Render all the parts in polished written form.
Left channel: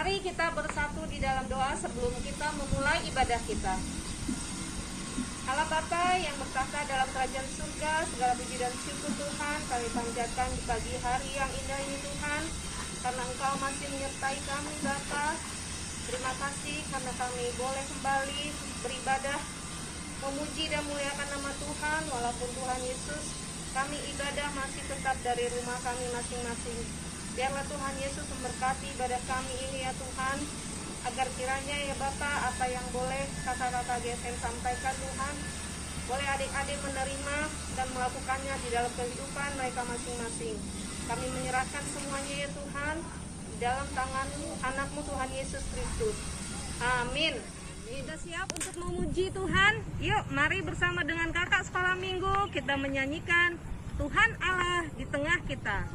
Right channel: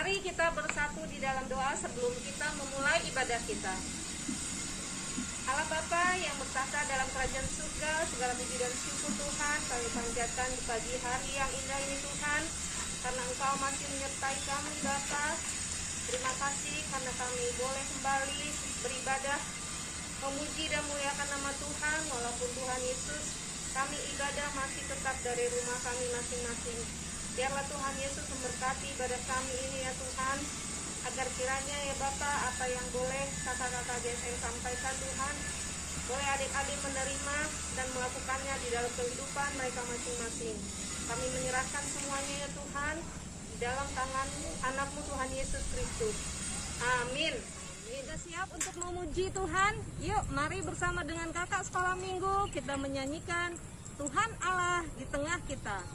Mari kita bersatu di dalam doa sebelum kita memulai ibadah kita. Allah Bapa yang bertahta dalam kerajaan surga, segala puji dan syukur Tuhan kami panjatkan di pagi hari yang indah ini Tuhan, karena Engkau masih menyertai kami Bapa. Terima kasih karena kami boleh kembali beribadah, memuji dan muliakan nama Tuhan. Walaupun Tuhan Yesus, kami ibadah masih tetap dari rumah kami masing-masing. Biarlah Tuhan Yesus memberkati ibadah kami ini ya Tuhan, agar kiranya ya Bapa, apa yang boleh kakak-kakak GSM sampaikan Tuhan, boleh adik-adik menerima dan melakukannya di dalam kehidupan mereka masing-masing. Kami menyerahkan semuanya ya Tuhan di dalam tangan anak-Mu Tuhan Yesus Kristus. Amin. Sudah siap untuk memuji Tuhan? Yuk mari bersama dengan kakak sekolah minggu kita menyanyikan Tuhan Allah di tengah kita.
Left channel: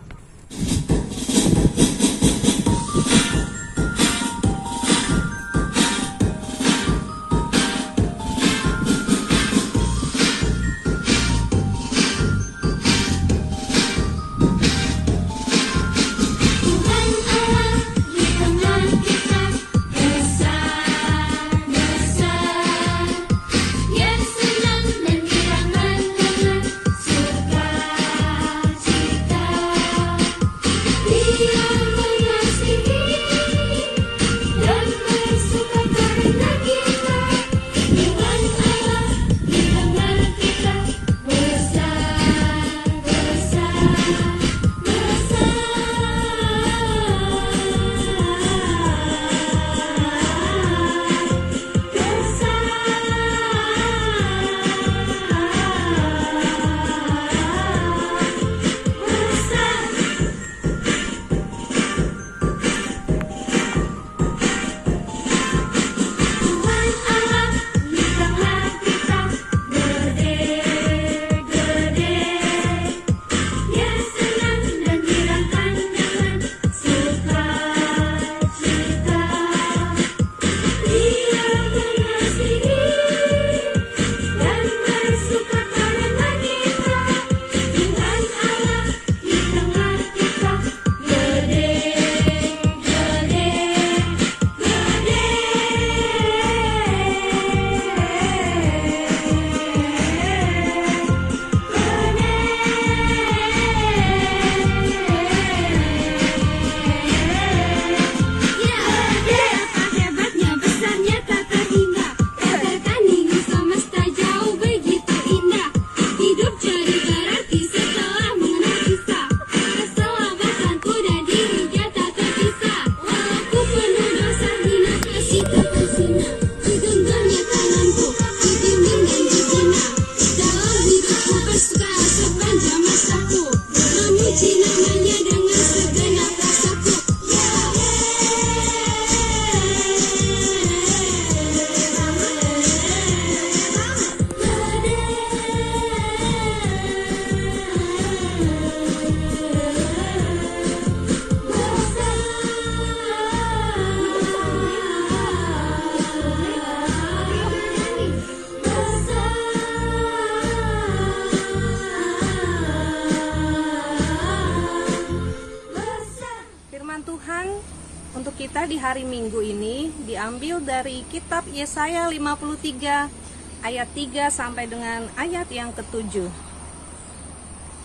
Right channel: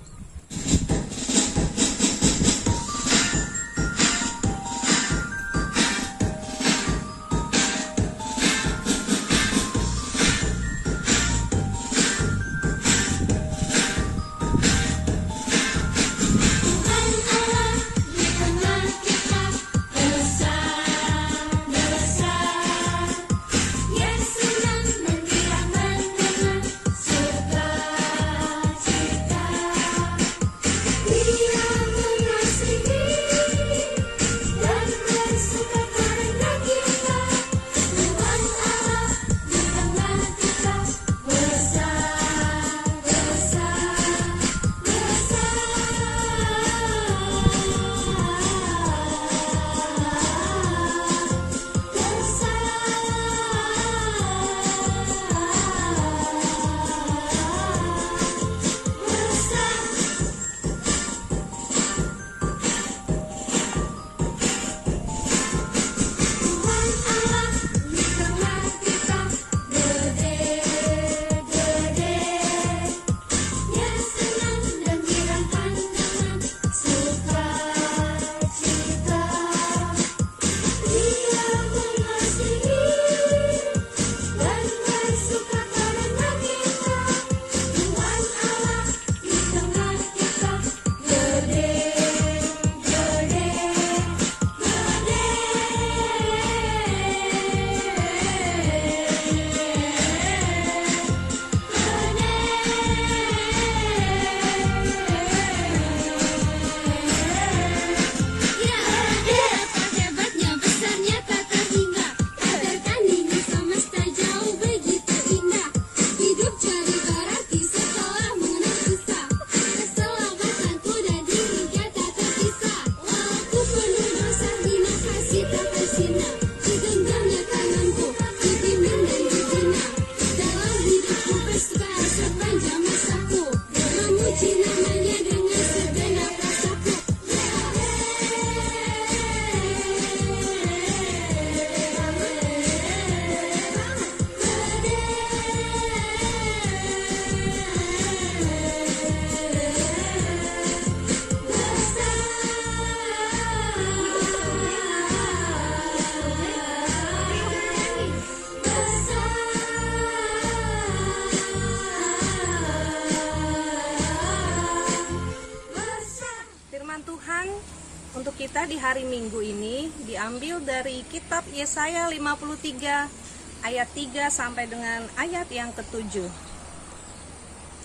Untuk kita di hari Minggu ini diambil dari kitab Yesaya 53 ayat 3 sampai dengan ayat yang ke-7.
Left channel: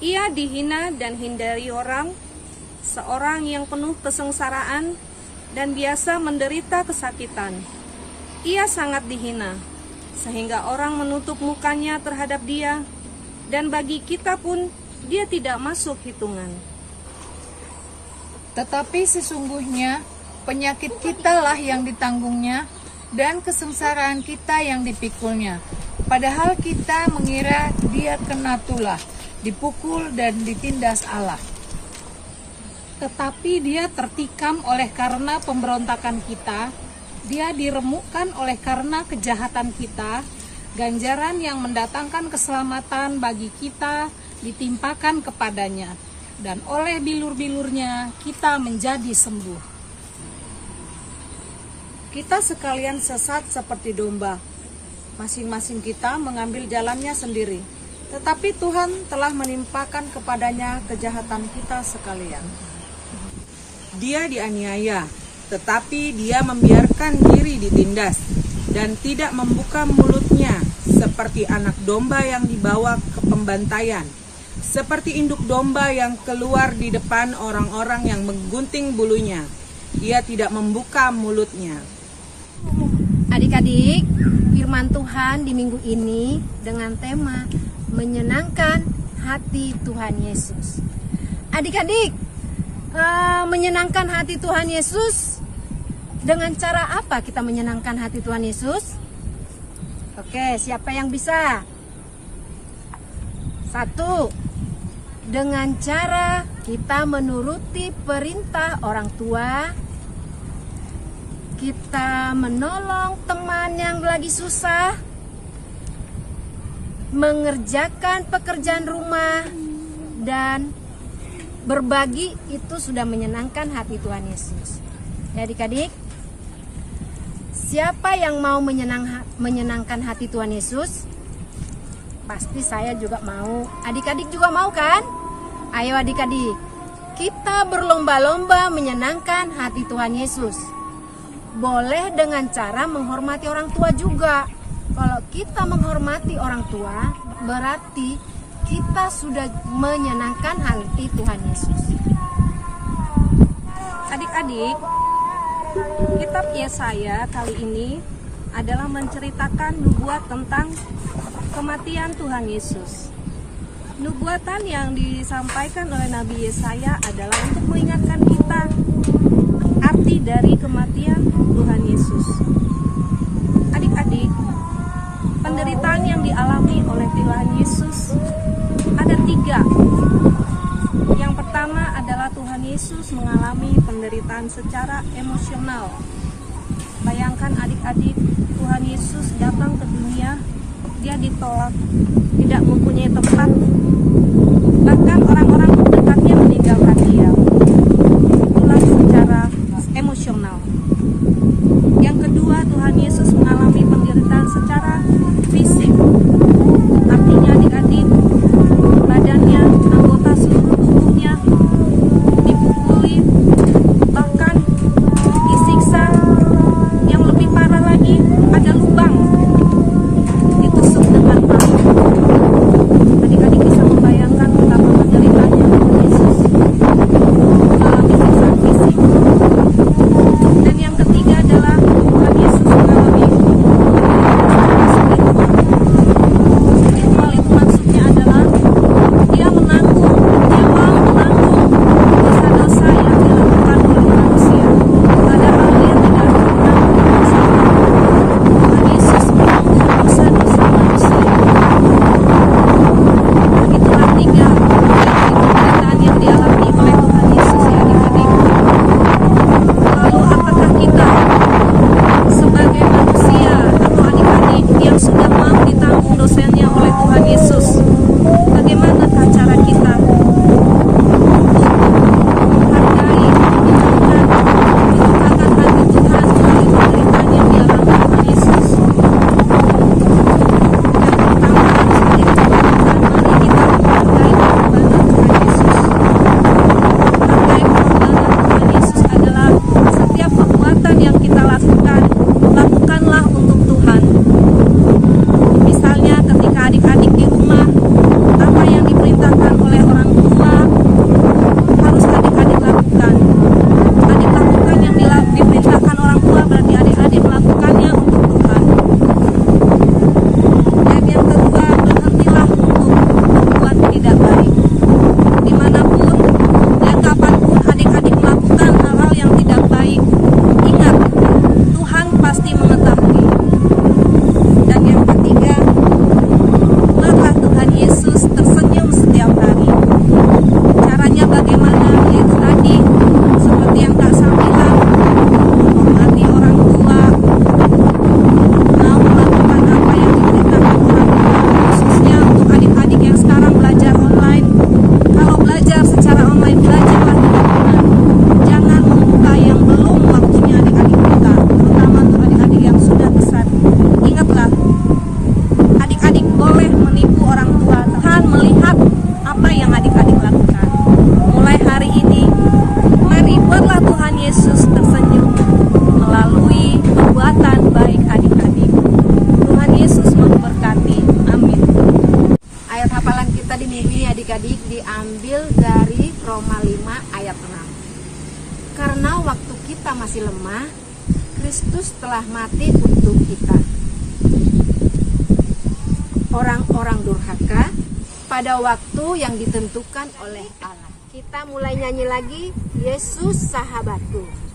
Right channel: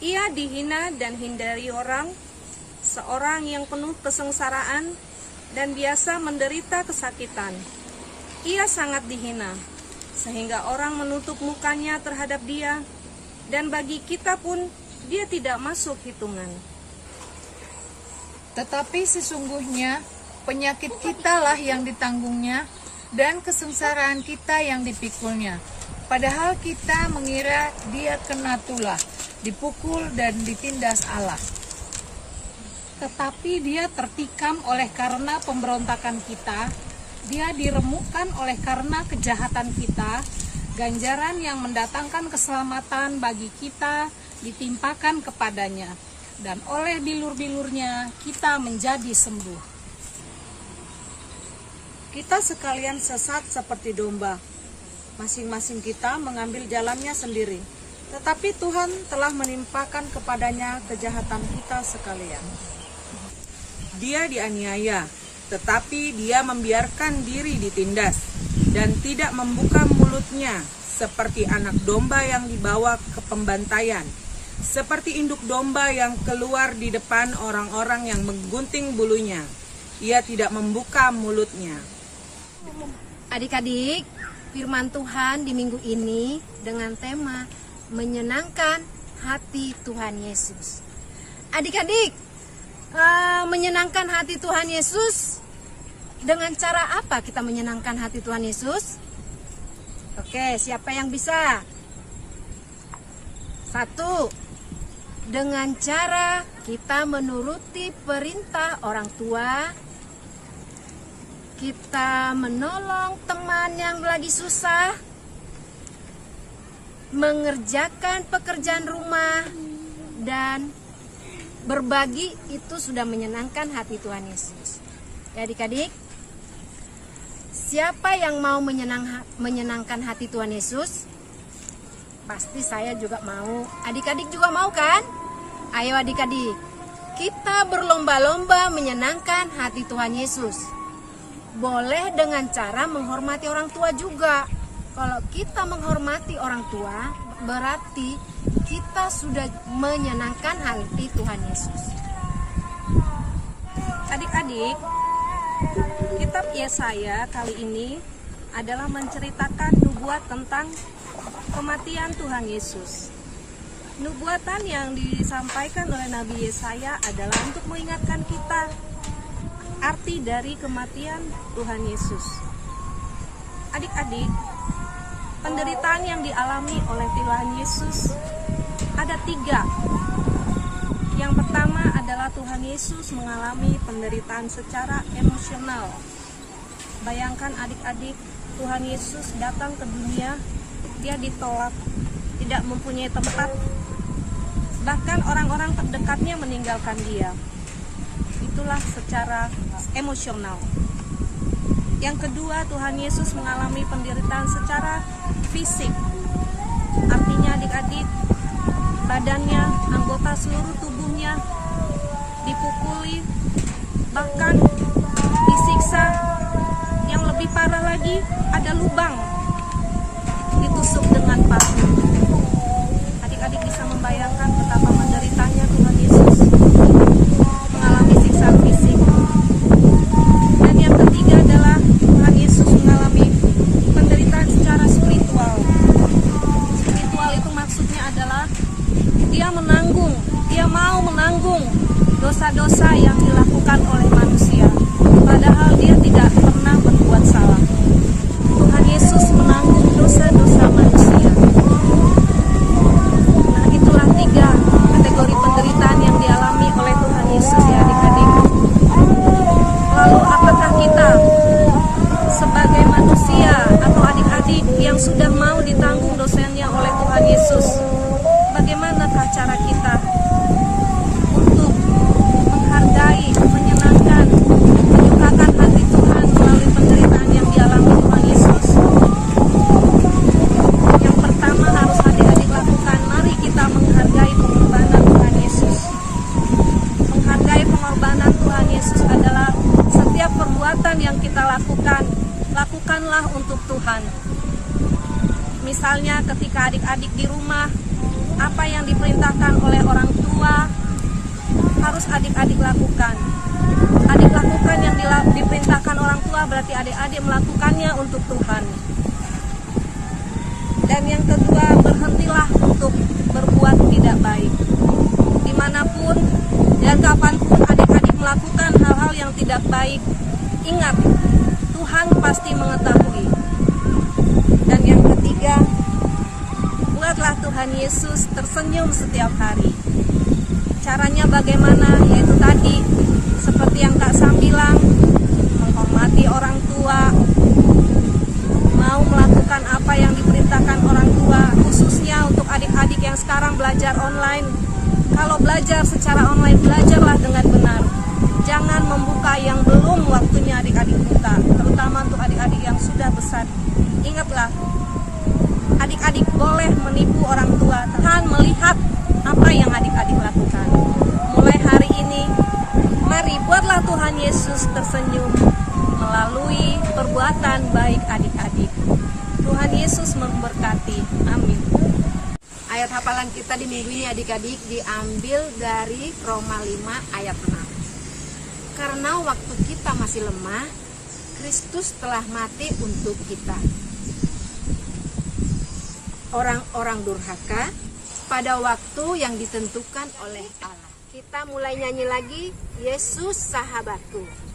Ia dihina dan hindari orang, seorang yang penuh kesengsaraan dan biasa menderita kesakitan. Ia sangat dihina, sehingga orang menutup mukanya terhadap dia, dan bagi kita pun dia tidak masuk hitungan. Tetapi sesungguhnya penyakit kitalah yang ditanggungnya dan kesengsaraan kita yang dipikulnya. Padahal kita mengira dia kena tulah, dipukul dan ditindas Allah. Tetapi dia tertikam oleh karena pemberontakan kita, dia diremukkan oleh karena kejahatan kita, ganjaran yang mendatangkan keselamatan bagi kita ditimpakan kepadanya, dan oleh bilur-bilurnya kita menjadi sembuh. Kita sekalian sesat seperti domba, masing-masing kita mengambil jalannya sendiri, tetapi Tuhan telah menimpakan kepadanya kejahatan kita sekalian. Dia dianiaya, tetapi dia membiarkan diri ditindas dan tidak membuka mulutnya, seperti anak domba yang dibawa ke pembantaian, seperti induk domba yang keluar di depan orang-orang yang menggunting bulunya. Ia tidak membuka mulutnya. Adik-adik, firman Tuhan di minggu ini dengan tema menyenangkan hati Tuhan Yesus. Adik-adik, menyenangkan hati Tuhan Yesus, dengan cara apa kita menyenangkan hati Tuhan Yesus? Oke, siapa yang bisa? 1. Dengan cara kita menuruti perintah orang tua, kita menolong teman yang lagi susah, mengerjakan pekerjaan rumah, dan berbagi, itu sudah menyenangkan hati Tuhan Yesus. Ya adik-adik, siapa yang mau menyenangkan hati Tuhan Yesus? Pasti saya juga mau. Adik-adik juga mau kan? Ayo adik-adik, kita berlomba-lomba menyenangkan hati Tuhan Yesus. Boleh dengan cara menghormati orang tua juga. Kalau kita menghormati orang tua, berarti kita sudah menyenangkan hati Tuhan Yesus. Adik-adik, kitab Yesaya kali ini adalah menceritakan nubuat tentang kematian Tuhan Yesus. Nubuatan yang disampaikan oleh Nabi Yesaya adalah untuk mengingatkan kita arti dari kematian Tuhan Yesus. Adik-adik, penderitaan yang dialami oleh Tuhan Yesus ada 3. Yang pertama adalah Tuhan Yesus mengalami penderitaan secara emosional. Bayangkan adik-adik, Tuhan Yesus datang ke dunia, dia ditolak, tidak mempunyai tempat, bahkan orang-orang terdekatnya meninggalkan dia. Itulah secara emosional. Yang kedua, Tuhan Yesus mengalami penderitaan secara fisik. Artinya adik-adik, badannya, anggota seluruh tubuhnya dipukuli, bahkan disiksa. Yang lebih parah lagi, ada lubang, ditusuk dengan paku. Adik-adik bisa membayangkan betapa menderitanya Tuhan Yesus mengalami siksaan fisik. Dan yang ketiga adalah Tuhan Yesus mengalami penderitaan secara spiritual. Spiritual itu maksudnya adalah dia mau menanggung dosa-dosa yang dilakukan oleh manusia, padahal dia tidak pernah berbuat salah. Tuhan Yesus menanggung dosa-dosa manusia. Nah, itulah 3 kategori penderitaan yang dialami oleh Tuhan Yesus ya adik-adik. Lalu apakah kita sebagai manusia atau adik-adik yang sudah mau ditanggung dosanya oleh Tuhan Yesus, bagaimanakah cara kita untuk menghargai, menyenangkan, menyukakan hati Tuhan melalui penderitaan yang dialami Tuhan Yesus? Yang pertama harus adik-adik lakukan, mari kita menghargai pengorbanan Tuhan Yesus. Menghargai pengorbanan Tuhan Yesus adalah setiap perbuatan yang kita lakukan, lakukanlah untuk Tuhan. Misalnya ketika adik-adik di rumah, apa yang diperintahkan oleh orang tua harus adik-adik lakukan. Adik lakukan yang diperintahkan orang tua, berarti adik-adik melakukannya untuk Tuhan. Dan yang kedua, berhentilah untuk berbuat tidak baik. Dimanapun dan kapanpun adik-adik melakukan hal-hal yang tidak baik, ingat, Tuhan pasti perbuatan baik adik-adik. Tuhan Yesus memberkati. Amin. Ayat hafalan kita di minggu ini adik-adik diambil dari Roma 5 ayat 6. Karena waktu kita masih lemah, Kristus telah mati untuk kita. Orang-orang durhaka pada waktu yang ditentukan oleh Allah. Kita mulai nyanyi lagi, Yesus sahabatku.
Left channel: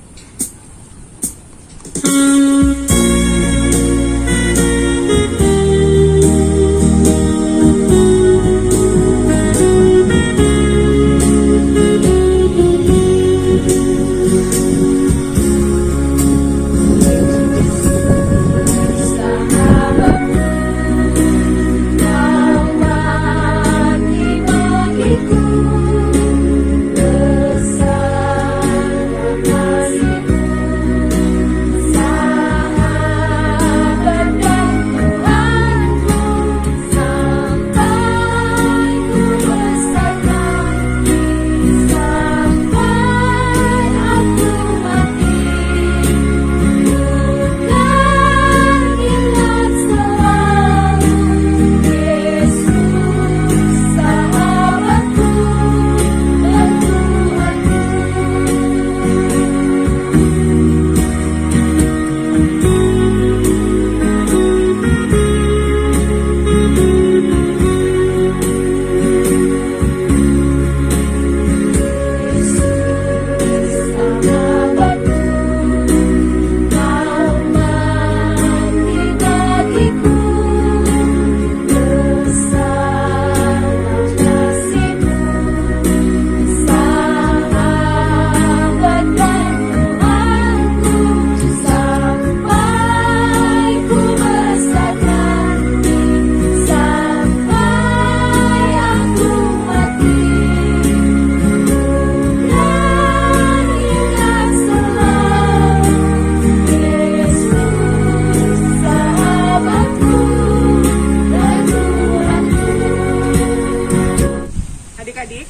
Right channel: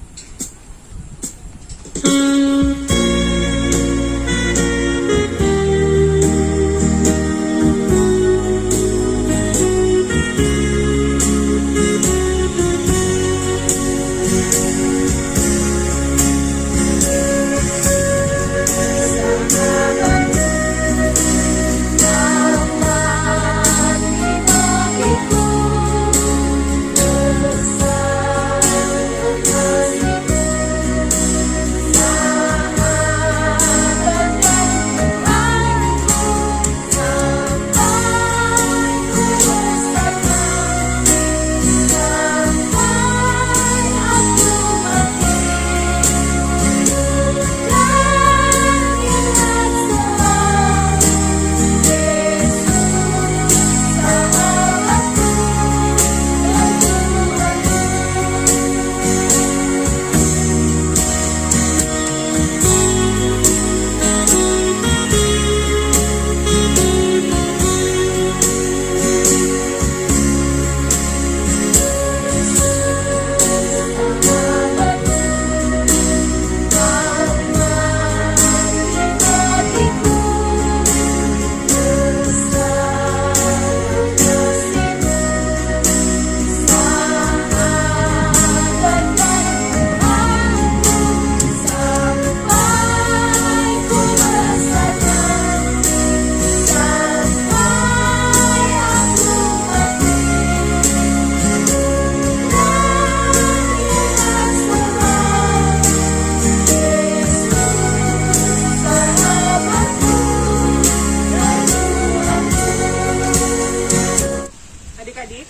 Adik-adik,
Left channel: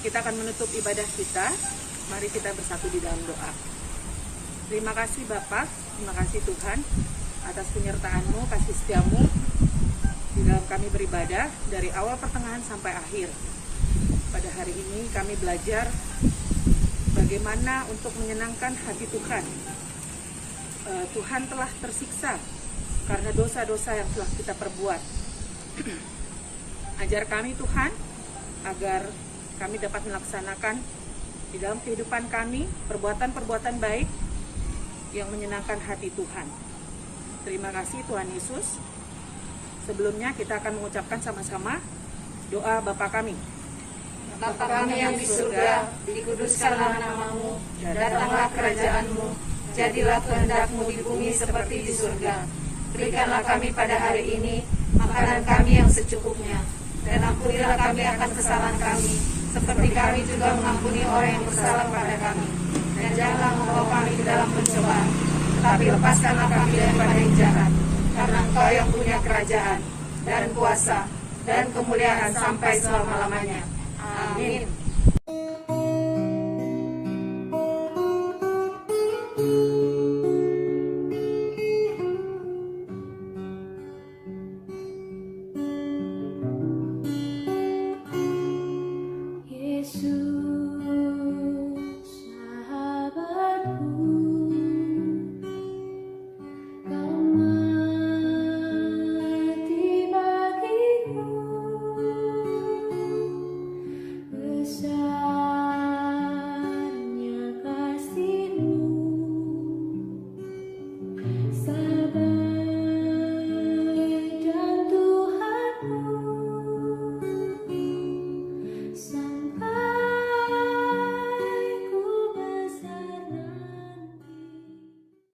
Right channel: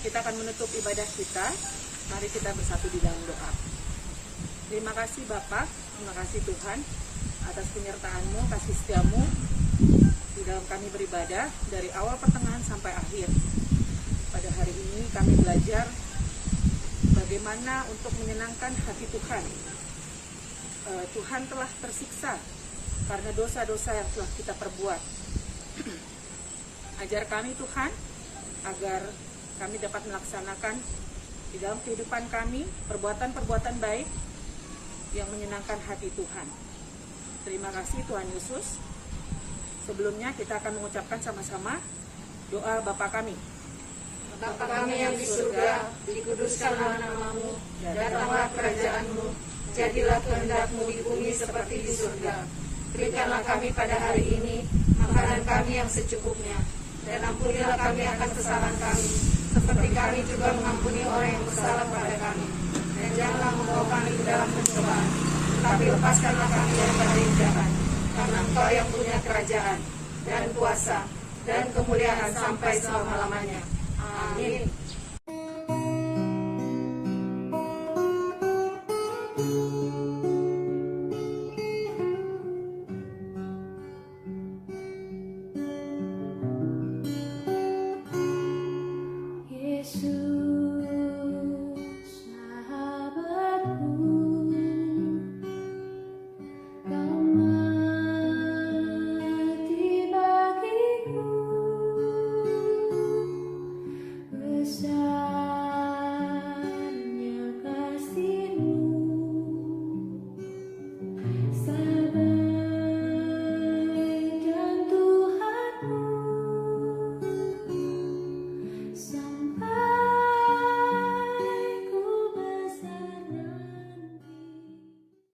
kita akan menutup ibadah kita. Mari kita bersatu di dalam doa. Terima kasih Bapak, terima kasih Tuhan atas penyertaan-Mu, kasih setia-Mu di dalam kami beribadah dari awal pertengahan sampai akhir. Pada hari ini kami belajar bagaimana untuk menyenangkan hati Tuhan. Tuhan telah tersiksa karena dosa-dosa yang telah kita perbuat. Ajar kami Tuhan agar kami dapat melaksanakan di dalam kehidupan kami perbuatan-perbuatan baik yang menyenangkan hati Tuhan. Terima kasih Tuhan Yesus. Sebelumnya kita akan mengucapkan sama-sama doa Bapa kami. Bapa kami yang di surga, dikuduskanlah nama-Mu, datanglah kerajaan-Mu, jadilah kehendak-Mu di bumi seperti di surga. Berikanlah kami pada hari ini makanan kami yang secukupnya, dan ampunilah kami akan kesalahan kami, seperti kami juga mengampuni orang yang bersalah pada kami. Dan janganlah membawa kami ke dalam pencobaan, tetapi lepaskanlah kami daripada yang jahat. Karena Engkau yang punya kerajaan, dan kuasa, dan kemuliaan sampai selama-lamanya. Amin.